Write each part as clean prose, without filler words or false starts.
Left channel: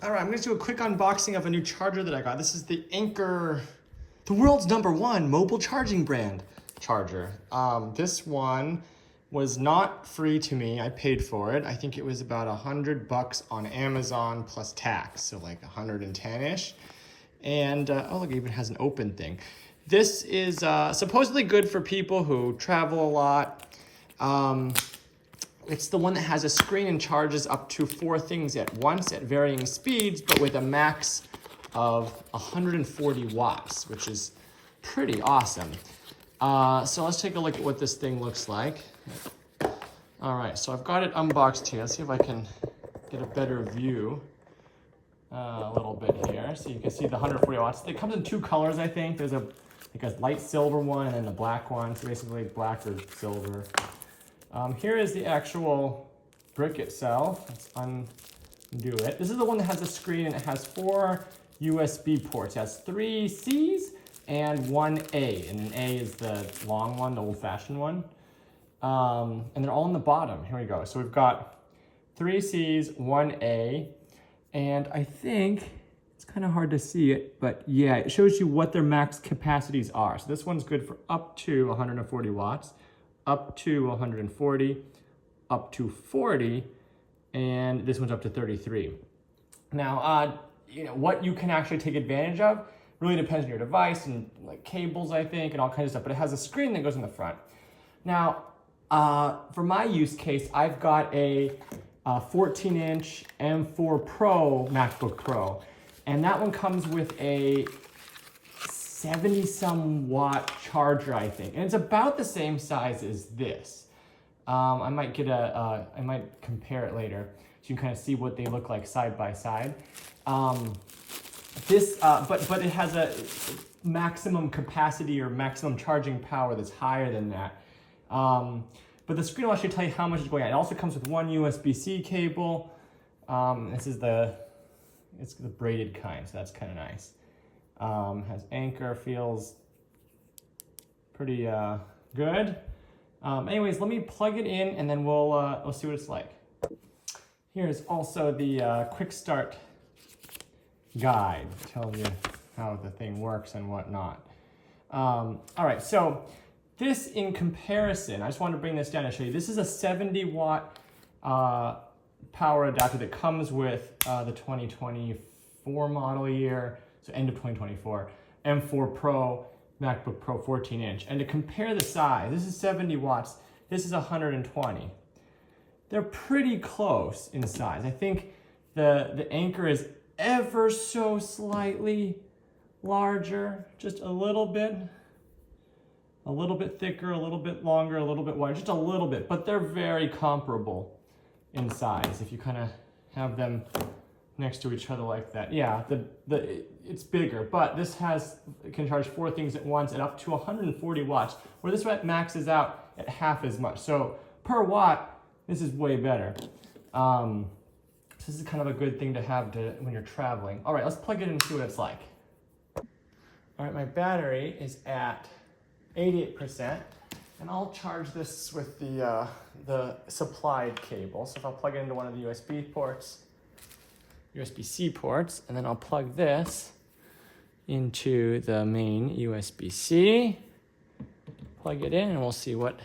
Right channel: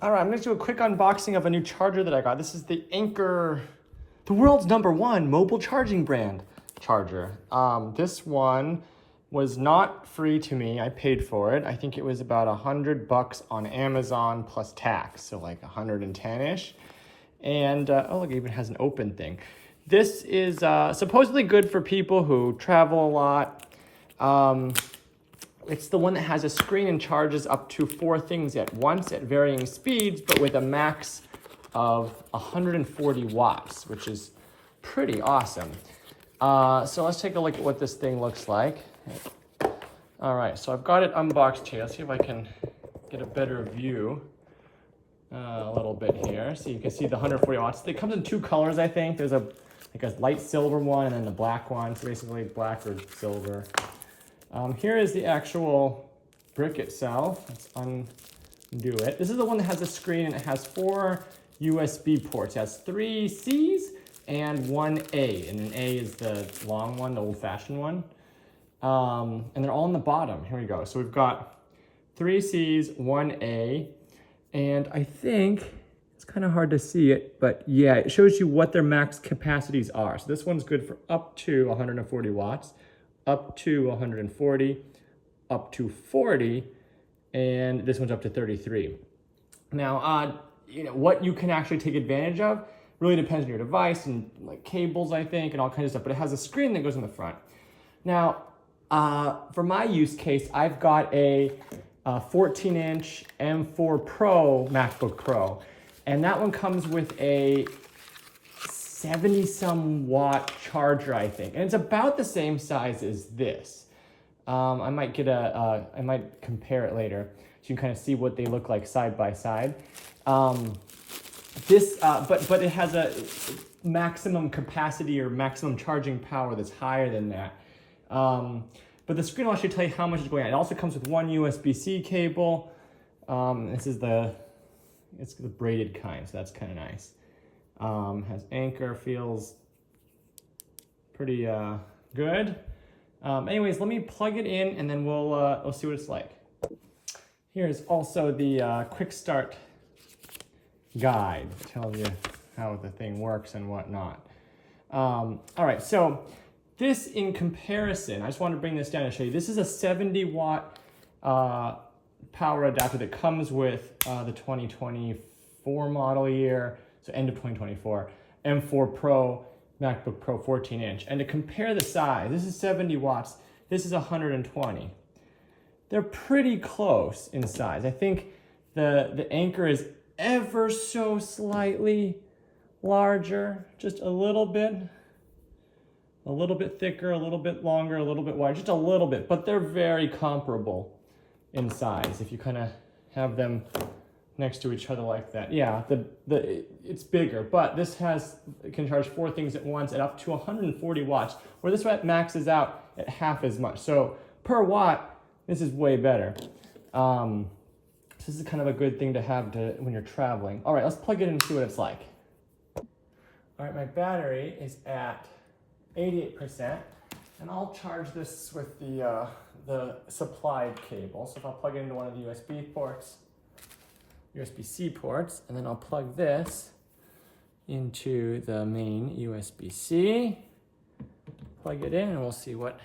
All right, I'm gonna do a quick unboxing of a new charger that I got. This is the Anker, the world's #1 mobile charging brand charger. This one was not free to me. I paid for it. I think it was about $100 on Amazon plus tax, so like 110-ish. And oh look, it even has an open thing. This is supposedly good for people who travel a lot. It's the one that has a screen and charges up to 4 things at once at varying speeds, but with a max of 140 watts, which is pretty awesome. So let's take a look at what this thing looks like. All right, so I've got it unboxed here. Let's see if I can get a better view a little bit here. So you can see the 140 watts. It comes in 2 colors, I think. There's like a light silver one and then the black one. So basically black or silver. Here is the actual brick itself. Let's undo it. This is the one that has a screen and it has 4 USB ports. It has 3 C's and 1 A. And an A is the long one, the old-fashioned one. And they're all on the bottom. Here we go. So we've got 3 C's, 1 A. And I think it's kind of hard to see it, but yeah, it shows you what their max capacities are. So this one's good for up to 140 watts. Up to 140, up to 40, and this one's up to 33. Now, what you can actually take advantage of really depends on your device and like cables, I think, and all kinds of stuff, but it has a screen that goes in the front. Now, for my use case, I've got a 14-inch M4 Pro MacBook Pro, and that one comes with a 70-some watt charger, I think, and it's about the same size as this. I might I might compare it later so you can kind of see what they look like side by side. But it has a maximum capacity or maximum charging power that's higher than that. But the screen will actually tell you how much is going on. It also comes with 1 USB-C cable. This is it's the braided kind, so that's kind of nice. Has Anker, feels pretty good. Anyways, let me plug it in and then we'll see what it's like. Here's also the quick start guide. Tells you how the thing works and whatnot. All right, so this in comparison, I just wanted to bring this down and show you. This is a 70 watt power adapter that comes with the 2024 model year. So end of 2024, M4 Pro, MacBook Pro 14-inch. And to compare the size, this is 70 watts, this is 120. They're pretty close in size. I think the Anker is ever so slightly larger, just a little bit thicker, a little bit longer, a little bit wider, just a little bit, but they're very comparable in size if you kind of have them next to each other like that. Yeah, it's bigger, but this can charge 4 things at once at up to 140 watts, where this one maxes out at half as much. So per watt, this is way better. So this is kind of a good thing to have when you're traveling. All right, let's plug it in and see what it's like. All right, my battery is at 88%, and I'll charge this with the supplied cable. So if I'll plug it into one of the USB-C ports, and then I'll plug this into the main USB-C, plug it in, and we'll see what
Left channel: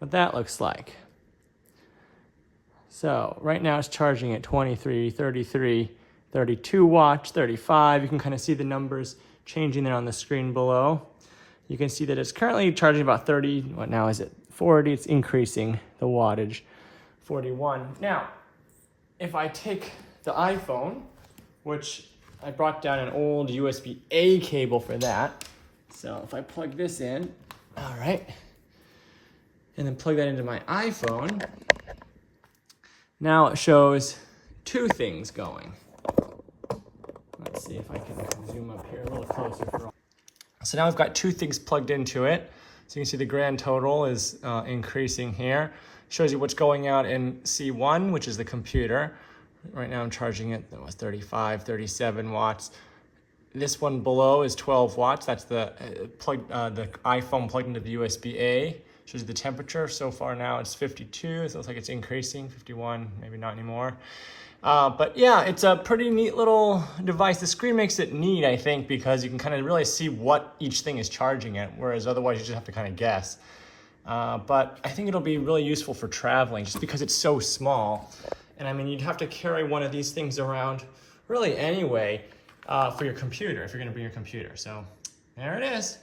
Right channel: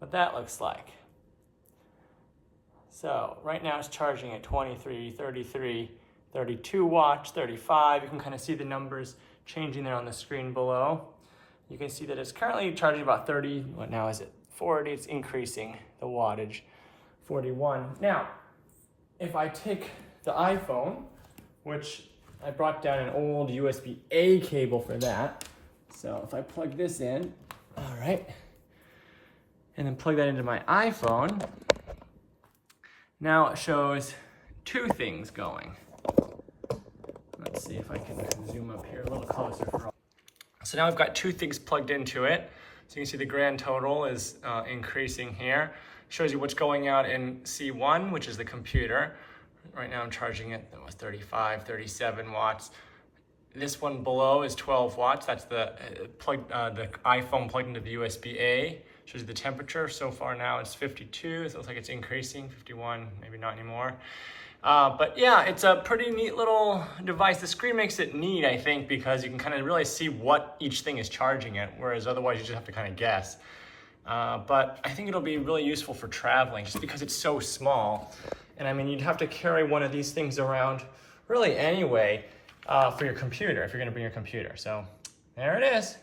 that looks like. So right now it's charging at 23, 33, 32 watts, 35. You can kind of see the numbers changing there on the screen below. You can see that it's currently charging about 30. What now is it? 40. It's increasing the wattage. 41. Now, if I take the iPhone, which I brought down an old USB-A cable for that. So if I plug this in, all right, and then plug that into my iPhone, now it shows 2 things going. Let's see if I can zoom up here a little closer. So now I've got 2 things plugged into it. So you can see the grand total is increasing here. Shows you what's going out in C1, which is the computer. Right now I'm charging it, that was 35, 37 watts. This one below is 12 watts. That's the iPhone plugged into the USB-A. Shows the temperature. So far now it's 52, so it looks like it's increasing, 51, maybe not anymore. But yeah, it's a pretty neat little device. The screen makes it neat, I think, because you can kind of really see what each thing is charging at, whereas otherwise you just have to kind of guess. But I think it'll be really useful for traveling just because it's so small. And I mean, you'd have to carry one of these things around really anyway for your computer, if you're gonna bring your computer. So there it is.